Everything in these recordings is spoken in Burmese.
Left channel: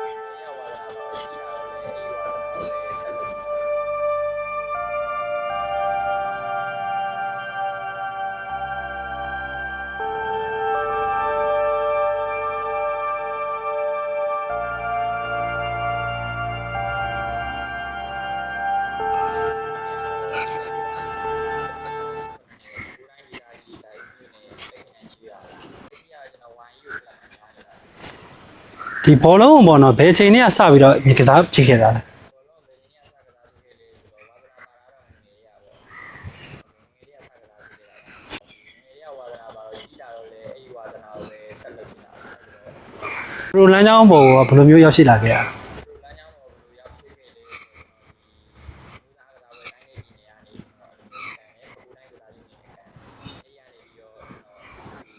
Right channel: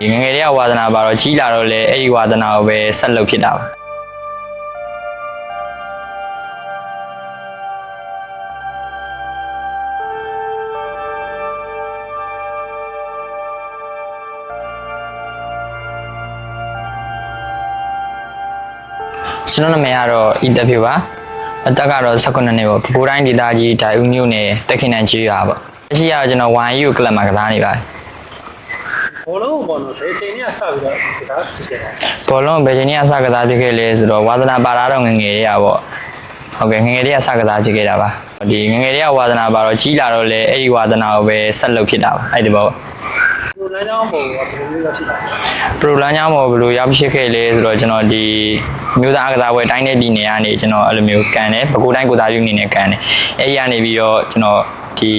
ဒီငယ်ငယ်လေးကဝါသနာပါတော့ကြီးလာတော့လေအဲ့ဒီဝါသနာကိုပဲဆက်လုပ်ဖြစ်တာပါကျွန်တော်နာမည်ကတော့အီတက်ဖြစ်ပါအသက်ကတော့18နှစ်ပေါ့ပကိုးတိုင်းဒေသကြီးဒိုင်ဦးမြို့နယ်တက်ခိနန်ကြီးရွာပေါ့အရှိရကျွန်တော် 1U ကလပ်မှာကစားနေပါတယ် ဒီဘောလုံးပေါ့နော်ဘယ်အချိန်နဲ့စပြီးတော့ဒီကစားဖြစ်ခဲ့တာလဲဘောလုံးဘယ်ချိန်ကြီးအစကစားဖြစ်ခဲ့လဲဆိုတော့ဝါသနာပါတာတော့ငယ်ငယ်လေးอ่ะပေါ့ဟုတ်ကဲ့ငယ်ငယ်လေးကစကစားဖြစ်ခဲ့တာပါဒီငယ်ငယ်လေးကဝါသနာပါတော့ကြီးလာတော့လေအဲ့ဒီဝါသနာကိုပဲဆက်လုပ်ဖြစ်တာပါအဲ့ဒီပေါ့ပရိုလန်ကြောင်းဘောကဘယ်လိုမျိုးရောက်ရှိလာခဲ့လဲပရိုလန်ညာမော်ဘယ်လိုရောက်ဖြစ်ခဲ့လဲဆိုတော့ကျွန်တော်ဒီမြို့သားအကစားပွဲတိုင်းတဲ့ပြည်နယ်ကနေကျွန်တော်အဲ့လိုမျိုးကန်တယ်ပကူတိုင်းကိုသားပြုအနေနဲ့ကန်တယ်အဲ့ဒီကနေပြီးတော့ကျွန်တော်ဒီ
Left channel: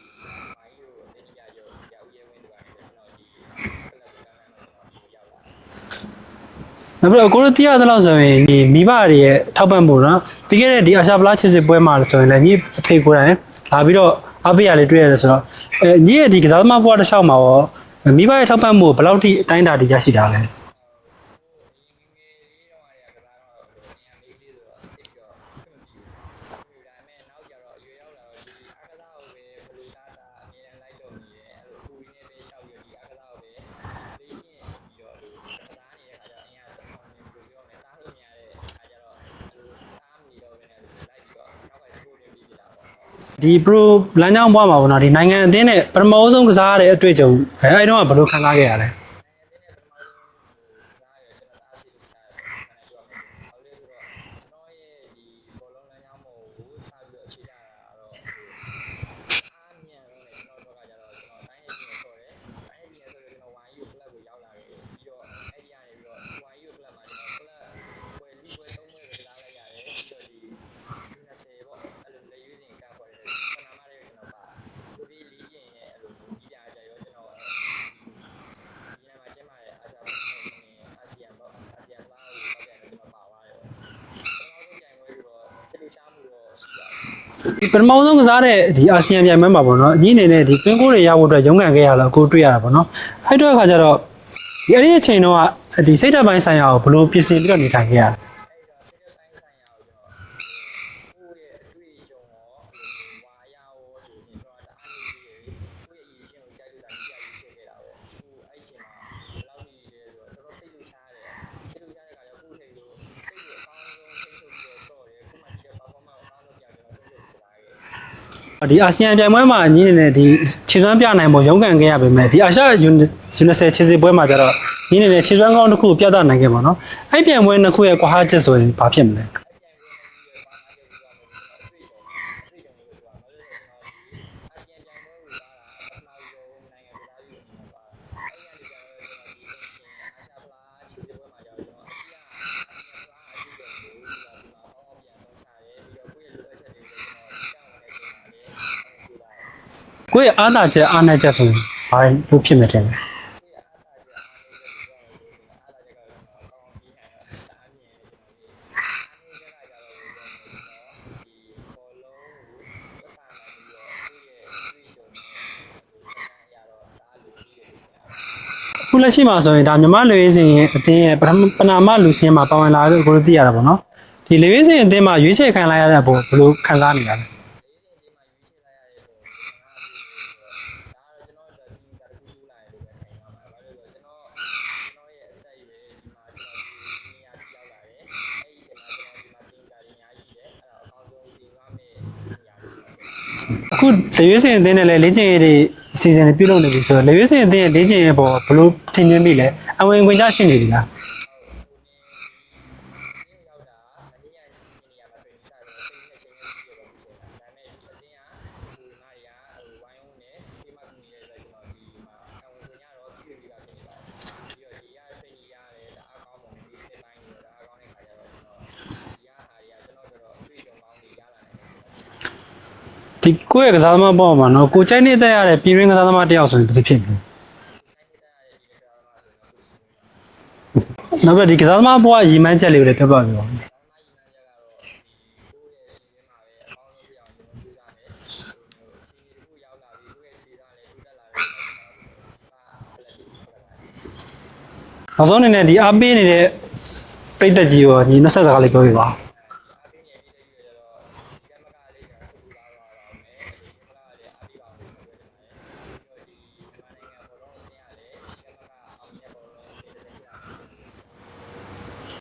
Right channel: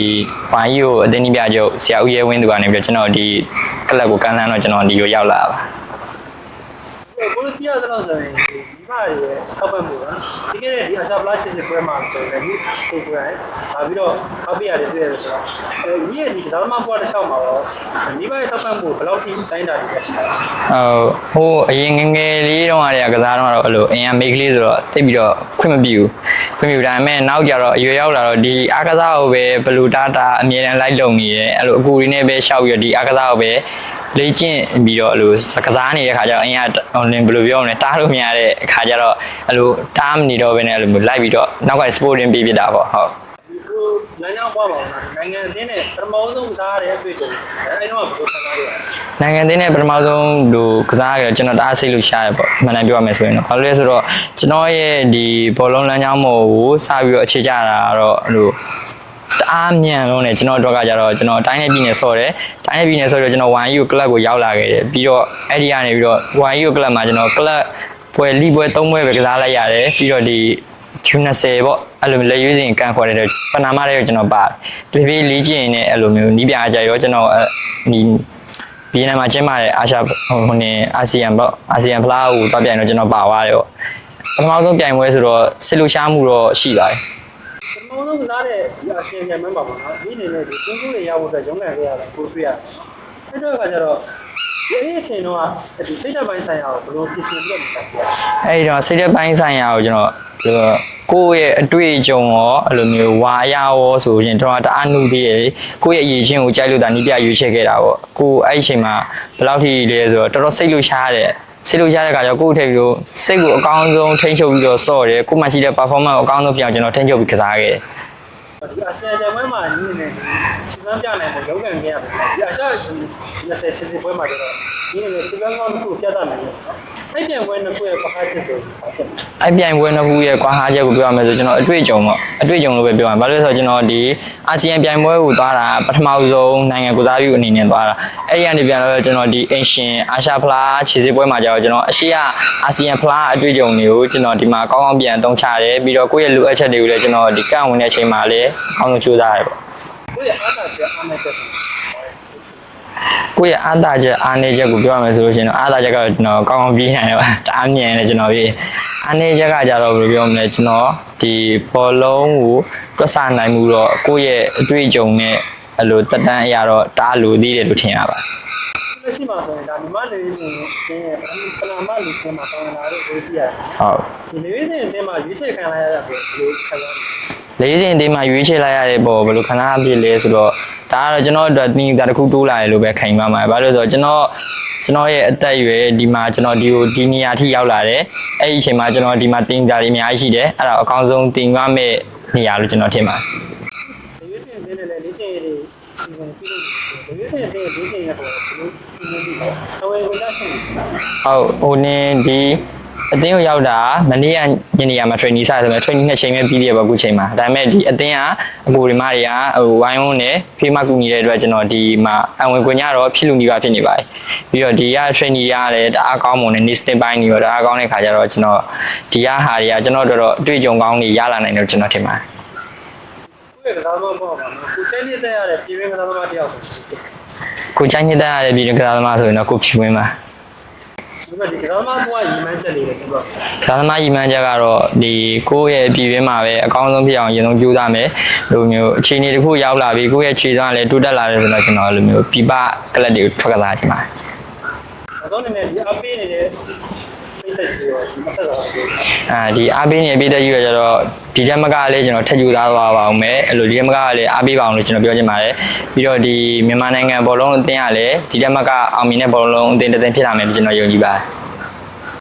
ဝိုင်းကြီးကိုအတင်းကြီးပြချုပ်ဆရာဦးရဲဝင်းသူကနေပြီးတော့ကျွန်တော်ဒီ ကလပ်ကိုကန်လန်းတော့ကျွန်တော်ဒီကိုရောက်လာတာပါနောက်ပြီးတော့ကိုတို့သိရသလောက်ဆိုရင်ဒီမိဘတွေရဲ့ထောက်ပံ့မှုနော်ပြီးခဲ့တဲ့ဒီအာရှပလားချစ်စစ်ပွဲမှာဆိုရင်လည်းညီအဖေကိုယ်တိုင် လာပြီးတော့အဖေရလေးတွေ့ရတယ်ဆိုတော့အဲညီရဲ့ဒီကစားသမားဘဝတစ်လျှောက်မှာရောမိဘရဲ့ထောက်ပံ့မှုဘယ်လောက်ထိအတိုင်းအတာတရရှိတာလဲဟိုဟိုအရင်ငယ်ငယ်လေးတုန်းကတည်းကကစားတော့အဲ့လိုအင်ရမိတ်ကလေးဆိုတော့တိတ်ပြီးတော့ခွင့်မပြုဘူးခွင့်မပြုဒါပေမဲ့နောက်ကြတော့အရွယ်ရောက်လာတော့ဒီအားကစားကိုပဲဘလူတာတာအမြဲတမ်းလိုက်လုံနေတယ်အဲ့လိုအကူရင်းနဲ့ပဲရှောက်ပြီးတော့ဒီအားကစားကိုပဲ လေ့ကျင့်ပြီးတော့အဲ့လိုကစားနေတဲ့ခါကျတော့အင်ရဟိုလင်းဘယ်လိုပြောမလဲတားလို့မရတဲ့အခါကျတော့အဲ့လိုတားမနေတော့ဘဲနဲ့အဲ့လိုမျိုးလိုက်ပြီးတော့နောက်က sporting ပြပြတာပေါ့ဟုတ်ဒီပရိုလန်ကြောင်းဘဝမှာပေါ့နော်ဒီနိုင်ငံအသင်းနဲ့ပထမဆုံးကစားရတဲ့အတွေ့အကြုံအဲအဲ့တော့ကဘယ်လိုခံစားခဲ့ရလဲနိုင်ငံသေးနဲ့ပထမဆုံးလူကစားကြကျွန်တော်တအားစိတ်လို့ရှားရပေါ့မှန်တယ်ပြောရမယ်ဆိုရင်တော့ဘာလို့လဲဆိုတော့ကျွန်တော်ရဲ့ဒီဘောလုံးလမ်းကြောင်းပေါ်ကိုစပြီးတော့အခြေချတာကတော့အဲ့လို တအားမြန်လုံးနဲ့ကျွန်တော်တို့ကကြတော့ကျွန်တော်တိုင်းနယ်ပြည်နယ်ဆော့တယ်တိုင်းနယ်ပြည်နယ်ဆော့ပြီးတော့ကျွန်တော် 1U ကလပ်ကိုရောက်လာခဲ့တယ်ပြီးတော့အဲ့ဒီကနေပြီးတော့ 1U ကလပ်မှာကျွန်တော်ကလပ်ပွဲလီပွဲ၃ပွဲပဲကစားလိုက်ရတယ်ပြီးတော့ဒီ Q20 ပေါ့အဲ့လိုလက်ရွေးစင်ကန်ခေါ်တဲ့ပနာမတဲ့ကျွန်တော်ပါတယ်တပြေးလေးကျင်နေအဲ့လိုမျိုးနီးပြအကြရောကျွန်တော်အဲ့ဒီဗီယက်နမ်မှာကျင်းပတဲ့အာရှဟိုဟိုနေအာဆီယံပေါ့အာဆီယံဖလားကိုတွားပြိုင်တော့ကျွန်တော်ပါသွားတယ်ပေါ့ပထမဆုံးပြိုင်ပွဲဆိုတော့စစ်လို့ရှားမှုတော့ရှိပါတယ်ဒီ ပထမဆုံးကစားတဲ့ဒီအာဆီယံပြိုင်ပွဲမှာပေါ့နော်အကြီးအနေနဲ့ဒီကွင်းကိုတွေရဖို့အတွက်ရုန်းကန်ခဲ့ရတော့ကိုတွေ့ရတာပေါ့နော်အဲ့တော့အခါကျတော့ဒီအဲ့ဒီအချိန်တော့ဒီစိတ်ဓာတ်ပိုင်းဆိုင်ရာကိုဘယ်လိုပြင်ဆင်ပြီးတော့နေထိုင်ခဲ့ရလဲအဲ့ဒီတော့စိတ်သက်ပိုင်းဆိုင်ရာကိုကျွန်တော်ဒီလိုကိုယ့်ရဲ့အတွေ့အကြုံရောအဲ့လိုမျိုးဝါရရောဆိုရင်ကျွန်တော်တအားနုသေးတယ်လေကိုယ့်ရဲ့အရေးချင်းကိုကြိုက်လို့ဒါနီးပြရွေးချယ်ခဲ့တာပေါ့ကိုယ်အဲ့ဒီအချိန်မှာဘယ်လောက်ထိလဲဆိုတော့တော်တော်စိတ်လို့ရှားတယ် စိတ်လို့ရှားတဲ့ခါကျတော့ကိုယ့်အထက်ပြီးတော့စိတ်ကိုအကောင်းဆုံးထိန်းချုပ်ပြီးတော့စော့တယ်ကိုယ်မှရှိတဲ့ performance ကိုအကောင်းဆုံးပြအောင်ကျွန်တော်ထိန်းချုပ်ပြီးကစားခဲ့တယ် ဒီအာဆီယံပြိုင်ပွဲမှာအကြီးအနေနဲ့ဒီခြေစွမ်းပြနိုင်ဖို့ရုန်းကန်ခဲ့ရပေမဲ့ဒီအာရှယူနီ ቨ ခြေစစ်ပွဲမှာကျတော့ညီအနေနဲ့ခြေစွမ်းကောင်းတစ်ခုကိုပြသနိုင်ခဲ့ပါတော့အဲ့ပြိုင်ပွဲနှစ်ခုရဲ့ကွာဟချက်ဆိုရင်ဘာဖြစ်မလဲအဲ့ပြိုင်ပွဲနှစ်ခုရဲ့ကွာဟာချက်ကိုပြောရမယ်ဆိုကျွန်တော်အတွေ့အကြုံပေါ့အတွေ့အကြုံလို့ပဲပြောရမှာဘာလို့လဲဆိုတော့ကျွန်တော်ဒီအာဆီယံပြိုင်ပွဲကိုသွားတာပထမဆုံးနိုင်ငံကိုစားပြုအနေနဲ့သွားတာအဲ့ဒီကနေပြန်တော့ကျွန်တော်ဒီအင်ရှင်အာရှဖလားခြေစစ်ပွဲမှာကျတော့ကျွန်တော်အရှိရအာဆီယံဖလားအတွေ့အကြုံတွေကိုကျွန်တော်ဒီမှာကောင်းကောင်းပြန်အသုံးချတယ်ပြီးတော့ကိုယ့်ရဲ့လိုအပ်ချက်တွေကိုလည်းကျွန်တော်ဒီကန့်ဝင်တဲ့အချိန်မှာလည်းအကောင်းဆုံးကြိုးစားရတယ်ပေါ့ကိုယ့်ရဲ့အားသာချက်အားနည်းချက်ဆိုရင်ဘာလို့ဖြစ်မယ်တဲ့လဲကိုယ့်ရဲ့အားသာချက်အားနည်းချက်ကိုပြောရမယ်ဆိုလို့ရှိရင်တော့အားသာချက်ကတော့ကျွန်တော်ကောင်းကောင်းပြေးနိုင်တယ်ပါတအားမြင်တယ်ကျွန်တော်ပြေးအားနည်းချက်ကကြတော့ဘယ်လိုပြောမလဲကျွန်တော်ဒီဘောလုံးကိုတွက်ဆနိုင်မှုတော့ကိုယ့်ရဲ့အတွေ့အကြုံနဲ့အဲ့လိုတက်တန်းအရာတော့တအားလိုသေးတယ်လို့ထင်ရပါတယ်ခုလက်ရှိမှာဆိုရင်ဒါမြန်မာလူရင်းစင်ရဲ့အတင်းရဲ့ပထမပနာမလူစင်းမှာပါဝင်လာတဲ့ကိုလိုသိရတာပေါ့နော်ဟုတ်ဒီလူရင်းစင်အတင်းမှာရွေးချယ်ခံလိုက်ရတဲ့အပေါ်ဘယ်လိုခံစားနေရလဲ လေးစဉ်အသေးမှရွေးချယ်လိုက်ရတဲ့ပေါ်ဘယ်လိုခဏဖြစ်လဲဆိုတော့ဒါကတော့ကျွန်တော်အတွက်တင်တာတစ်ခုတိုးလာတယ်လို့ပဲခံပါမှာဘာလို့လဲဆိုတော့ကျွန်တော်ကျွန်တော်ရဲ့အသက်အရွယ်ဒီမှာကျွန်တော်ဒီကိုဒီနေရာထိရောက်လာတယ်အဲ့ဒီအချိန်မှာကျွန်တော်ဒီမှာတင်တာတွေအများကြီးရှိတယ်အဲ့ဒါအကောင်းဆုံးတင်ရမယ့်နေရာလို့ကျွန်တော်ထင်ပါတယ်အခုလူရင်းစင်အတင်းနဲ့လည်းလေ့ကျင့်ရေးတွေအစီအစဉ်တွေပြုလုပ်နေပြီဆိုတော့လူရင်းစင်အတင်းရဲ့လေ့ကျင့်ရေးပေါ်ဘယ်လိုထင်မြင်မိလဲအဝင်ဝင်ကြရှိနေပြီလားဟုတ်ဟိုနင်းဒီ အတင်းကိုရောက်တာမနေ့ကညနေရမှာ training စဆိုတော့ training နှစ်ချိန်ပဲပြီးသေးတယ်ပေါ့အခုချိန်မှာဒါပေမဲ့ဒီအတင်းကအကိုဒီမတွေကဟိုဝိုင်းဝန်းနဲ့ဖေးမကူညီတဲ့အတွက်ကျွန်တော်ဒီမှာအဝင်ခွင့်ရတော့ဖြစ်လူနေပါဖြစ်နေပါတယ်ပြီးတော့ဒီက training ရတယ်တအားကောင်းမွန်တဲ့ nesting ပိုင်းတွေရောတအားကောင်းတဲ့ခါကျတော့ကျွန်တော်ဒီကဟာတွေကကျွန်တော်တို့တော့အတွေ့အကြုံကောင်းတွေရလာနိုင်တယ်လို့ကျွန်တော်ထင်ပါတယ်ဒီကိုယ့်ရဲ့ကစားသမားပေါ်မှာနော်ကိုကြိုက်နေတဲ့ရတဲ့ပြည်ရင်းကစားသမားတယောက်ဆိုရင်ဒီဖြစ်ပြီကိုချိုင်းညစ်တဲ့ရတဲ့ပြည်တွင်းကစားသမားဆိုရင်တော့ကိုဖြူဝင်းပါ နောက်ပြီးဒီကစားသမားပေါ်ကရီမန်းချက်လေးကိုလည်းပြပါပြရဒါသမားကြီးမှန်းချက်ကတော့ဒီကိုယ့်ရဲ့ပြည်တွင်းမှာပဲအကောင်းဆုံးဖြစ်အောင်အရင်ဆုံးကြိုးစားမယ်လိုမျိုးအခြေအနေတစ်ခုရောက်လာပြီကိုယ့်ရဲ့ခြေစွမ်းလည်းတိုးတက်လာတယ်ဆိုတော့ကျွန်တော်အဲ့လိုမျိုးပြပကလပ်တွေကိုထွက်ကစားချင်ပါတယ်နောက်ဆုံးအနေနဲ့ဒီအားပေးနေတဲ့ ပြိသက်ကြီးရောညီနှက်ဆက်စကားလေးပြောပြပါဦးအာဒီအားပေးနေပြည်သက်ကြီးရကြတော့ဒီတက်မကလည်းကျွန်တော်ထက်ယူသားသွားပါအောင်မယ်အဲ့လိုဒီတက်မကလည်းအားပေးပါအောင်လို့ကျွန်တော်ပြောချင်ပါတယ်ပြီးတော့ဒီမြန်မာနိုင်ငံဘောလုံးအသင်းကလည်းဒီတက်မကအောင်မြင်တဲ့ဘောလုံးအသင်းတစ်သင်းဖြစ်လာမယ်ကျွန်တော်ယုံကြည်ပါတယ်